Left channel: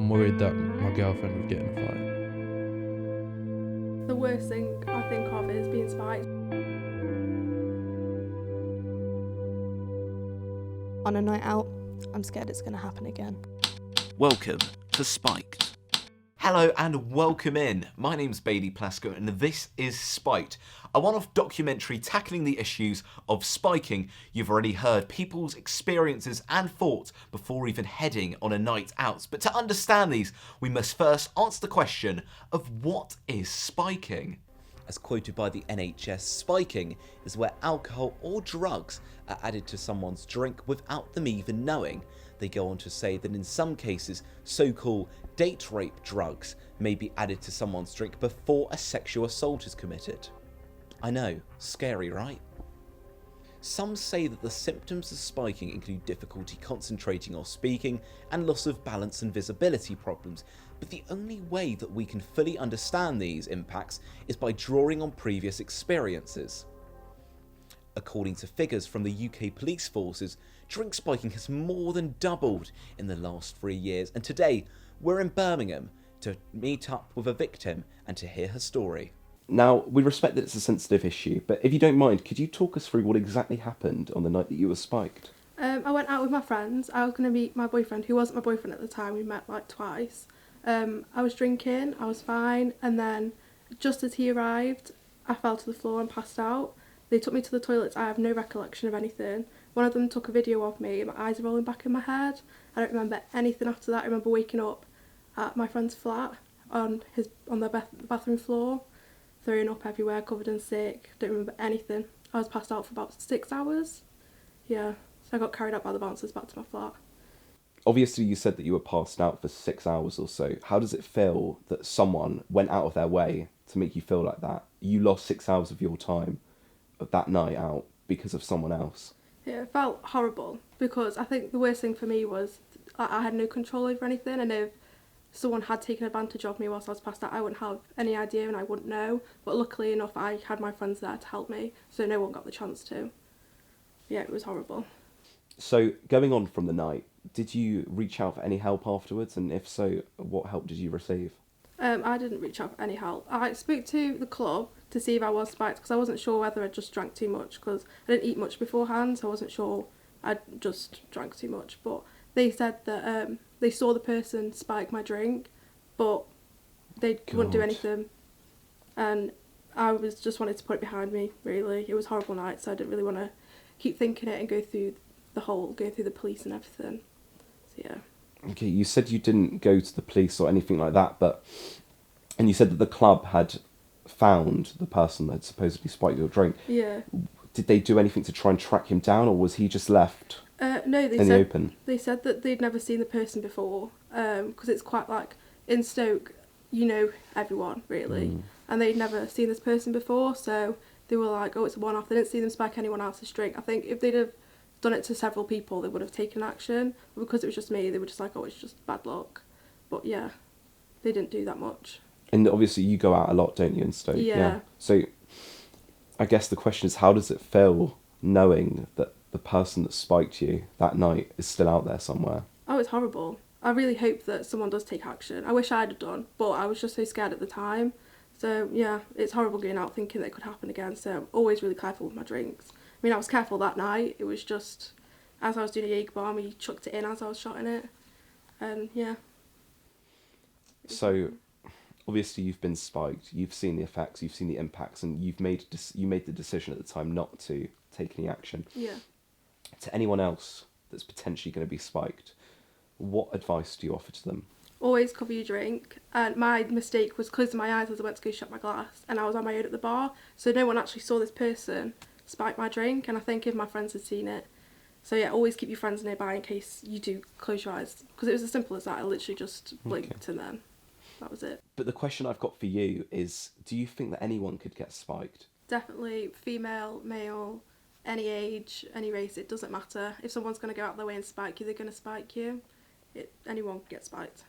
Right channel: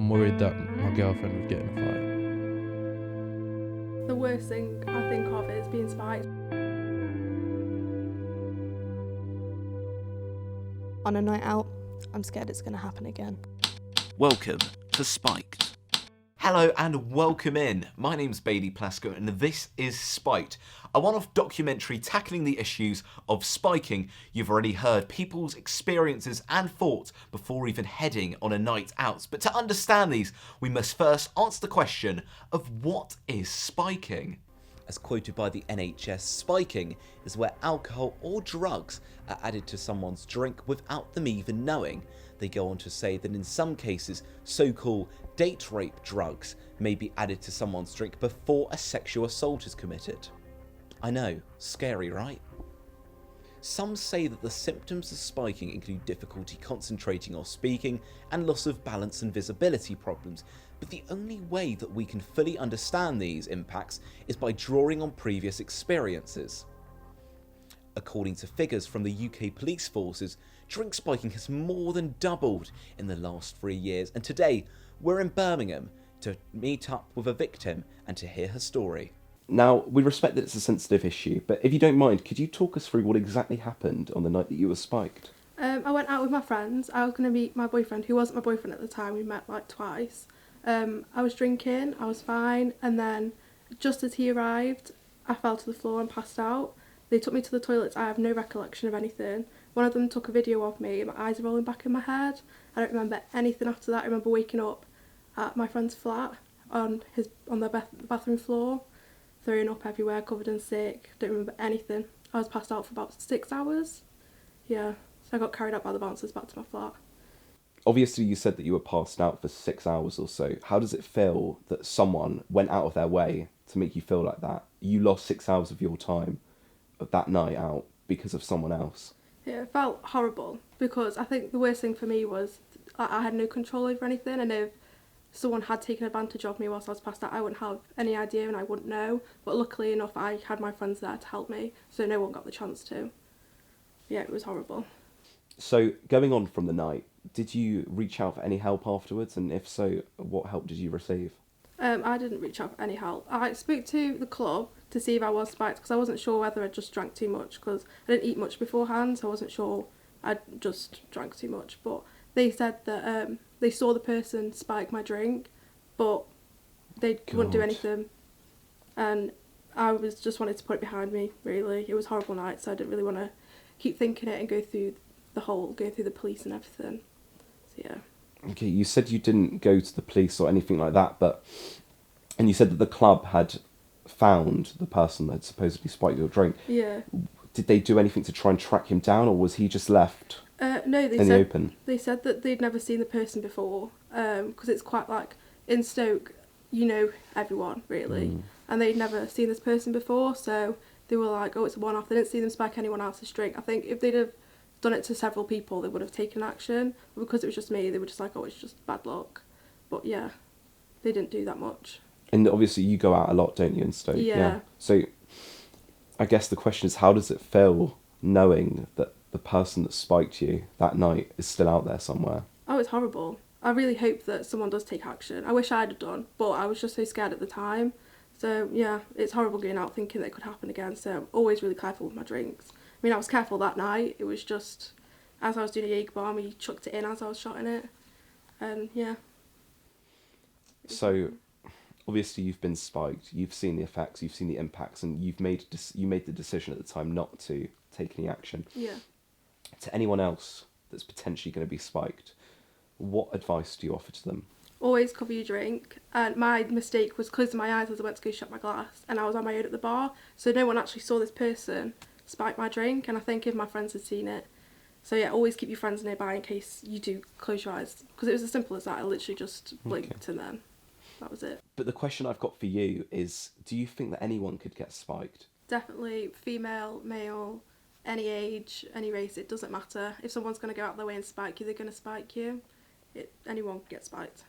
I'm worried that my girlfriend would get in a fight. The worst thing I think of is being spiked. On a night out, I'm scared it's going to happen again. Welcome to Spiked. Hello and welcome in. My name's Bailey Plasko and this is Spiked, a one-off documentary tackling the issues of spiking. You've already heard people's experiences and thoughts before even heading on a night out. But to understand these, we must first answer the question of what is spiking? As quoted by the NHS, spiking is where alcohol or drugs are added to someone's drink without them even knowing. They go on to say that in some cases, so-called date rape drugs may be added to someone's drink before a sexual assault is committed. I know, scary, right? Some say that the symptoms of spiking include difficulty concentrating or speaking and loss of balance and visibility problems, but the only way that we can fully understand these impacts is by drawing on previous experiences. According to figures from the UK police forces, drink spiking has more than doubled in the last 3 years, and today we're in Birmingham to meet up with a victim and to hear her story. Now, we respect that it's a sensitive issue, but if you don't mind, could you talk us through what exactly happened on the night that you were spiked? I went out with my friends. I was going to meet my boyfriend, who wasn't my boyfriend at the time. We met like twice. I was drinking, I was fine, and then just as he arrived, I fell to the floor and passed out. They took me to the toilets. I have no recollection of anything. One of them took a video of me, my eyes are rolling back in my head. I don't remember anything after that. I remember waking up at my friend's flat on the bathroom floor, throwing up everywhere, covered in sick. Don't remember anything. I was passed out for about 6 hours. Yeah, so I got carried out by the bouncers back to my flat. Obviously, you said that you were passed out for 6 hours or so. How does it feel that someone went out of their way to make you feel like that? You lost 6 hours of your time of that night out because of someone else. Yeah, it felt horrible because I think the worst thing for me was I had no control over anything, and if someone had taken advantage of me whilst I was passed out, I wouldn't have any idea and I wouldn't know. But luckily enough, I had my friends there to help me, so no one got the chance to. Yeah, it was horrible. So, going on from the night, did you reach out for any help afterwards? And if so, what help did you receive? I didn't reach out for any help. I spoke to the club to see if I was spiked because I wasn't sure whether I just drank too much because I didn't eat much beforehand, so I wasn't sure I'd just drank too much. But they said that they saw the person spike my drink, but they wouldn't do anything. And I just wanted to put it behind me, really. It was a horrible night, so I didn't really want to keep thinking it and go through the police and everything. So yeah. Okay, you said you didn't go to the police or anything like that, and you said that the club had found the person that had supposedly spiked your drink. Yeah. Did they do anything to try and track him down, or was he just left No, in the open? They said that they'd never seen the person before, because it's quite like, in Stoke, you know everyone, really, and they'd never seen this person before, so they were like, oh, it's a one-off. They didn't see them spike anyone else's drink. I think if they'd have done it to several people, they would have taken action, but because it was just me, they were just like, oh, it's just bad luck. But yeah, they didn't do that much. And obviously you go out a lot, don't you, in Stoke? Yeah. So I guess the question is, how does it feel knowing that the person that spiked you that night is still out there somewhere? Oh, it's horrible. I really hope that someone does take action. I wish I'd have done, but I was just so scared at the time. So yeah, it's horrible going out thinking that it could happen again, so I'm always really careful with my drinks. I mean, I was careful that night. It was just, as I was doing a Jaeger bomb, he chucked it in as I was shotting it. And yeah. So, obviously you've been spiked, you've seen the effects, you've seen the impacts, and you made the decision at the time not to take any action. Yeah. To anyone else that's potentially going to be spiked, what advice do you offer to them? Always cover your drink. And my mistake was closing my eyes as I went to go shut my glass, and I was on my own at the bar, so no one actually saw this person spike my drink, and I think if my friends had seen it. So yeah, always keep your friends nearby in case you do close your eyes, because it was as simple as that. I literally just blinked and then that was it. But the question I've got for you is, do you think that anyone could get spiked? Definitely female, male, any age, any race, it doesn't matter. If someone's going to go out their way and spike you, they're going to spike you. Anyone can get spiked.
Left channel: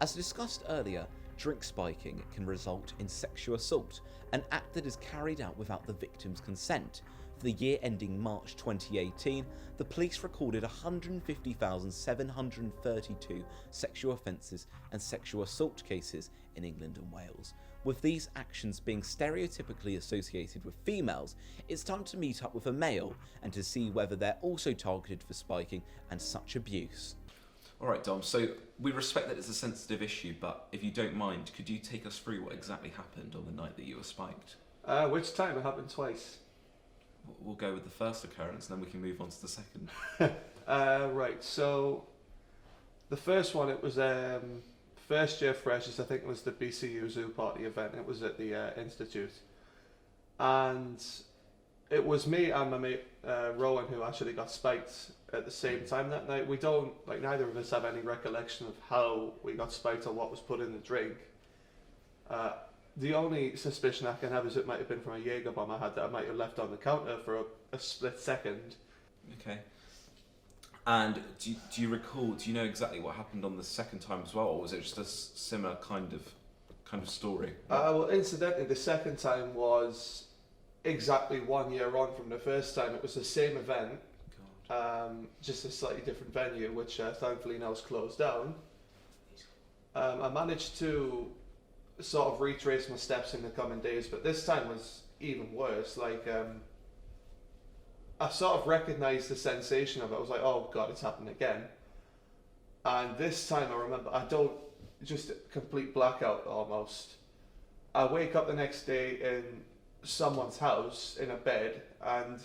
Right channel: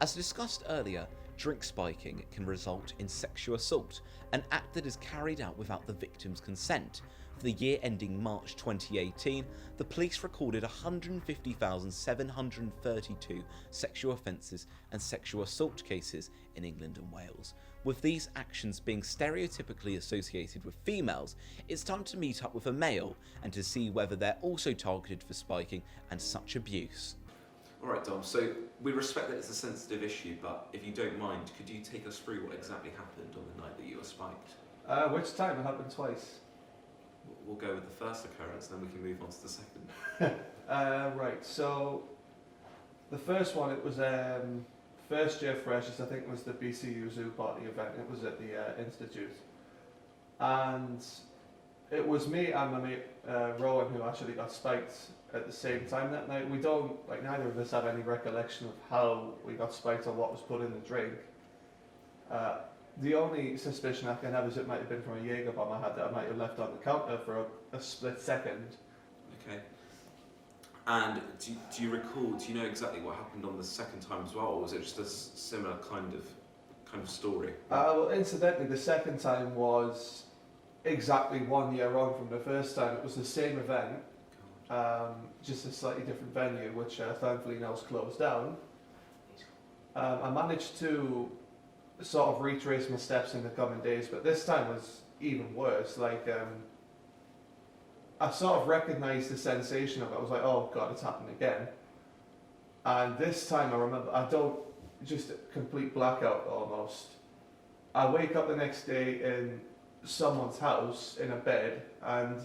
As discussed earlier, drink spiking can result in sexual assault, an act that is carried out without the victim's consent. For the year ending March 2018, the police recorded 150,732 sexual offences and sexual assault cases in England and Wales. With these actions being stereotypically associated with females, it's time to meet up with a male and to see whether they're also targeted for spiking and such abuse. Alright Dom, so we respect that it's a sensitive issue, but if you don't mind, could you take us through what exactly happened on the night that you were spiked? Which time? It happened twice. We'll go with the first occurrence, then we can move on to the second. Right, so the first one, it was first year freshers. I think it was the BCU Zoo Party event. It was at the Institute. And it was me and my mate Rowan who actually got spiked at the same time that night. We don't, neither of us have any recollection of how we got spiked or what was put in the drink. The only suspicion I can have is it might have been from a Jaeger bomb I had that I might have left on the counter for a split second. Okay. And do you recall, do you know exactly what happened on the second time as well, or was it just a similar kind of story? Well, incidentally, the second time was exactly 1 year on from the first time. It was the same event, just a slightly different venue, which thankfully now is closed down. I managed to sort of retrace my steps in the coming days, but this time was even worse. I sort of recognised the sensation of it. I was like, oh God, it's happened again. And this time I remember, just a complete blackout almost. I wake up the next day in someone's house in a bed, and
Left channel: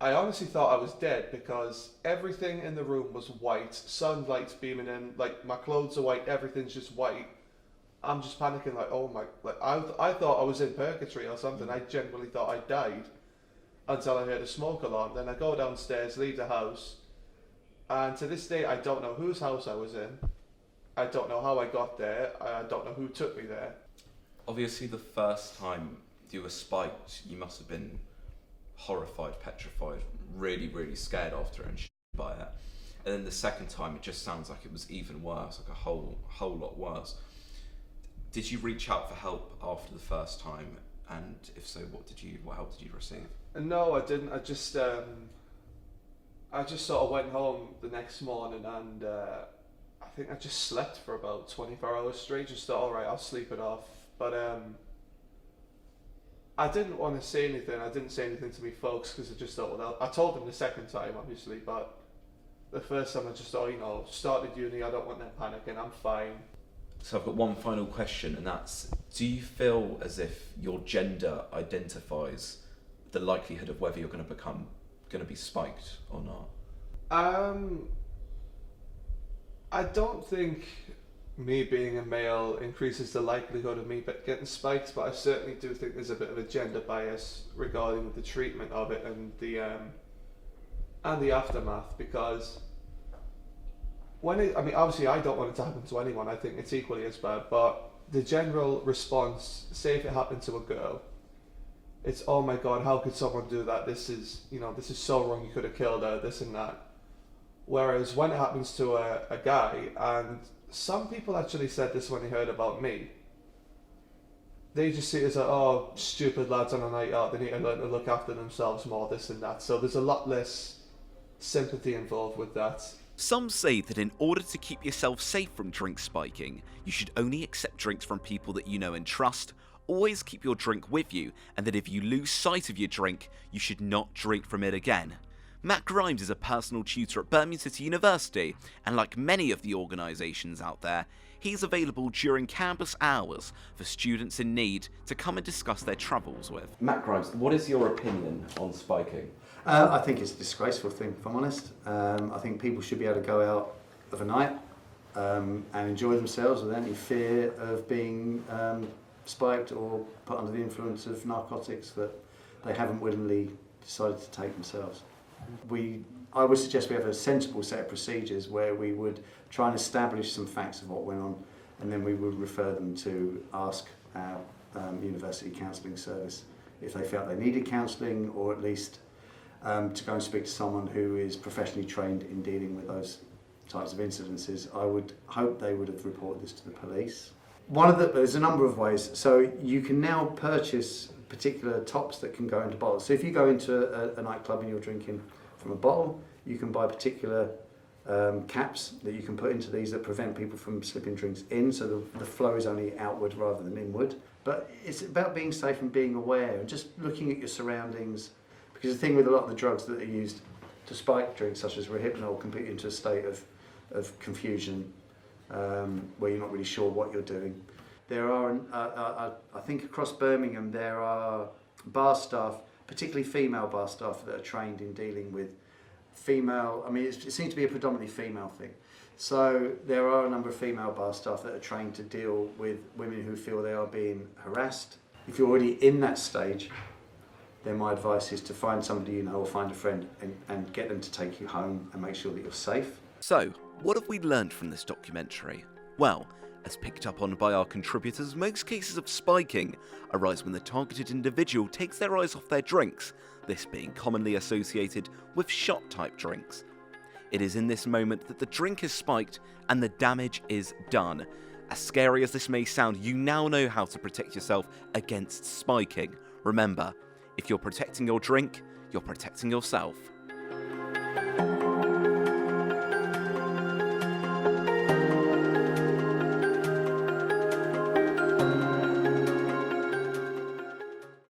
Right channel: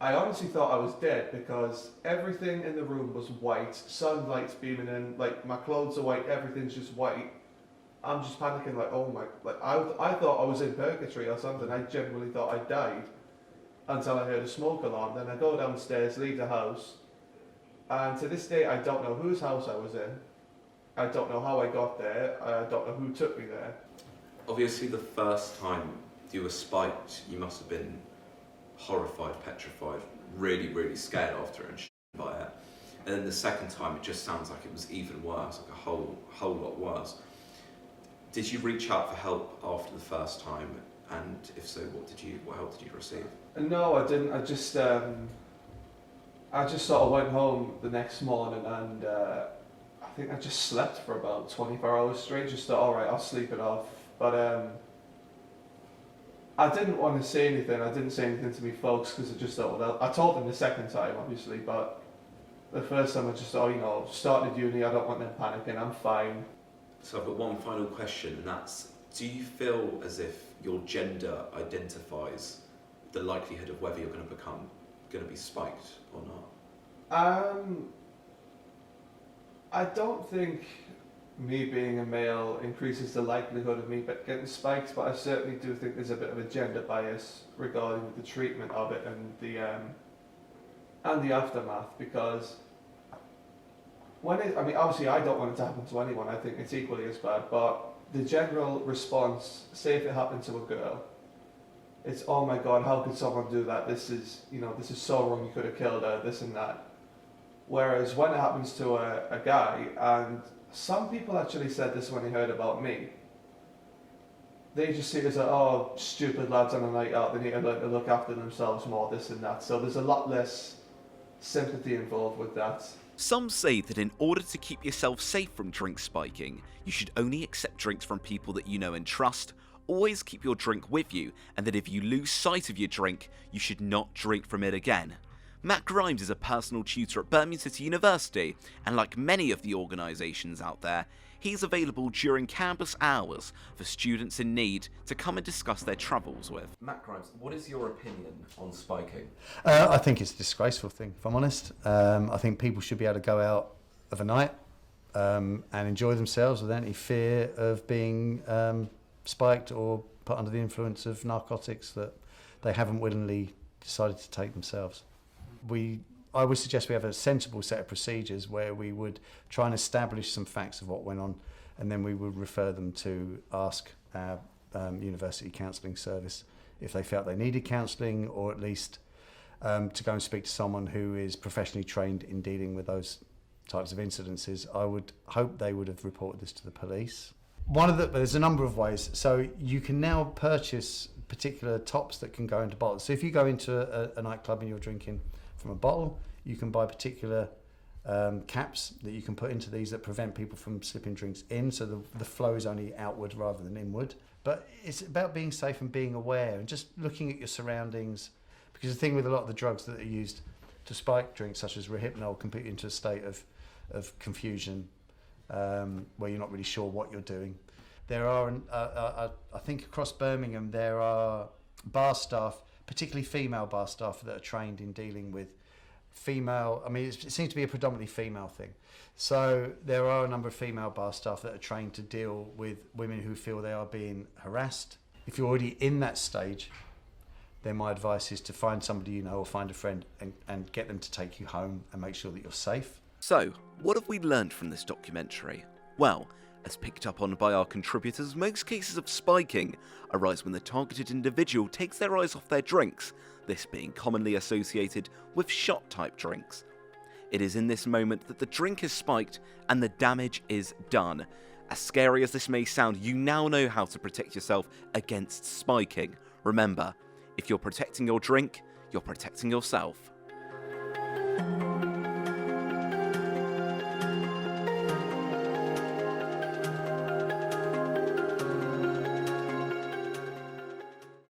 I honestly thought I was dead because everything in the room was white, sunlight's beaming in, my clothes are white, everything's just white. I'm just panicking, oh my, I thought I was in purgatory or something. I genuinely thought I died until I heard a smoke alarm. Then I go downstairs, leave the house, and to this day I don't know whose house I was in. I don't know how I got there. I don't know who took me there. Obviously the first time you were spiked, you must have been horrified, petrified, really, really scared after and by it. And then the second time, it just sounds like it was even worse, like a whole lot worse. Did you reach out for help after the first time? And if so, what help did you receive? No, I didn't. I just sort of went home the next morning, and I think I just slept for about 24 hours straight. Just thought, all right, I'll sleep it off. But I didn't want to say anything. I didn't say anything to me folks because I just thought, well, I told them the second time, obviously, but the first time I just thought, started uni, I don't want them panicking, I'm fine. So I've got one final question, and that's, do you feel as if your gender identifies the likelihood of whether you're going to be spiked or not? I don't think me being a male increases the likelihood of me getting spiked, but I certainly do think there's a bit of a gender bias regarding the treatment of it and the aftermath, because obviously I don't want it to happen to anyone. I think it's equally as bad, but the general response, say if it happened to a girl, it's, oh my God, how could someone do that? This is so wrong, you could have killed her, this and that. Whereas when it happens to a guy, and some people actually said this when they heard about me, they just see it as oh, stupid lads on a night out, they need to learn to look after themselves more, this and that. So there's a lot less sympathy involved with that. Some say that in order to keep yourself safe from drink spiking, you should only accept drinks from people that you know and trust, always keep your drink with you, and that if you lose sight of your drink, you should not drink from it again. Matt Grimes is a personal tutor at Birmingham City University, and like many of the organisations out there, he's available during campus hours for students in need to come and discuss their troubles with. Matt Grimes, what is your opinion on spiking? I think it's a disgraceful thing, if I'm honest. I think people should be able to go out of a night and enjoy themselves without any fear of being spiked or put under the influence of narcotics that they haven't willingly decided to take themselves. I would suggest we have a sensible set of procedures where we would try and establish some facts of what went on, and then we would refer them to ask our university counselling service if they felt they needed counselling, or at least to go and speak to someone who is professionally trained in dealing with those types of incidences. I would hope they would have reported this to the police. There's a number of ways. So you can now purchase particular tops that can go into bottles. So if you go into a nightclub and you're drinking from a bottle, you can buy particular caps that you can put into these that prevent people from slipping drinks in, so the flow is only outward rather than inward. But it's about being safe and being aware and just looking at your surroundings, because the thing with a lot of the drugs that are used to spike drinks, such as Rohypnol, can put you into a state of confusion where you're not really sure what you're doing. There are, I think across Birmingham, there are bar staff, particularly female bar staff, that are trained in dealing with female, I mean, it seems to be a predominantly female thing. So there are a number of female bar staff that are trained to deal with women who feel they are being harassed. If you're already in that stage, then my advice is to find somebody you know or find a friend and get them to take you home and make sure that you're safe. So, what have we learned from this documentary? Well, as picked up on by our contributors, most cases of spiking arise when the targeted individual takes their eyes off their drinks, this being commonly associated with shot-type drinks. It is in this moment that the drink is spiked and the damage is done. As scary as this may sound, you now know how to protect yourself against spiking. Remember, if you're protecting your drink, you're protecting yourself.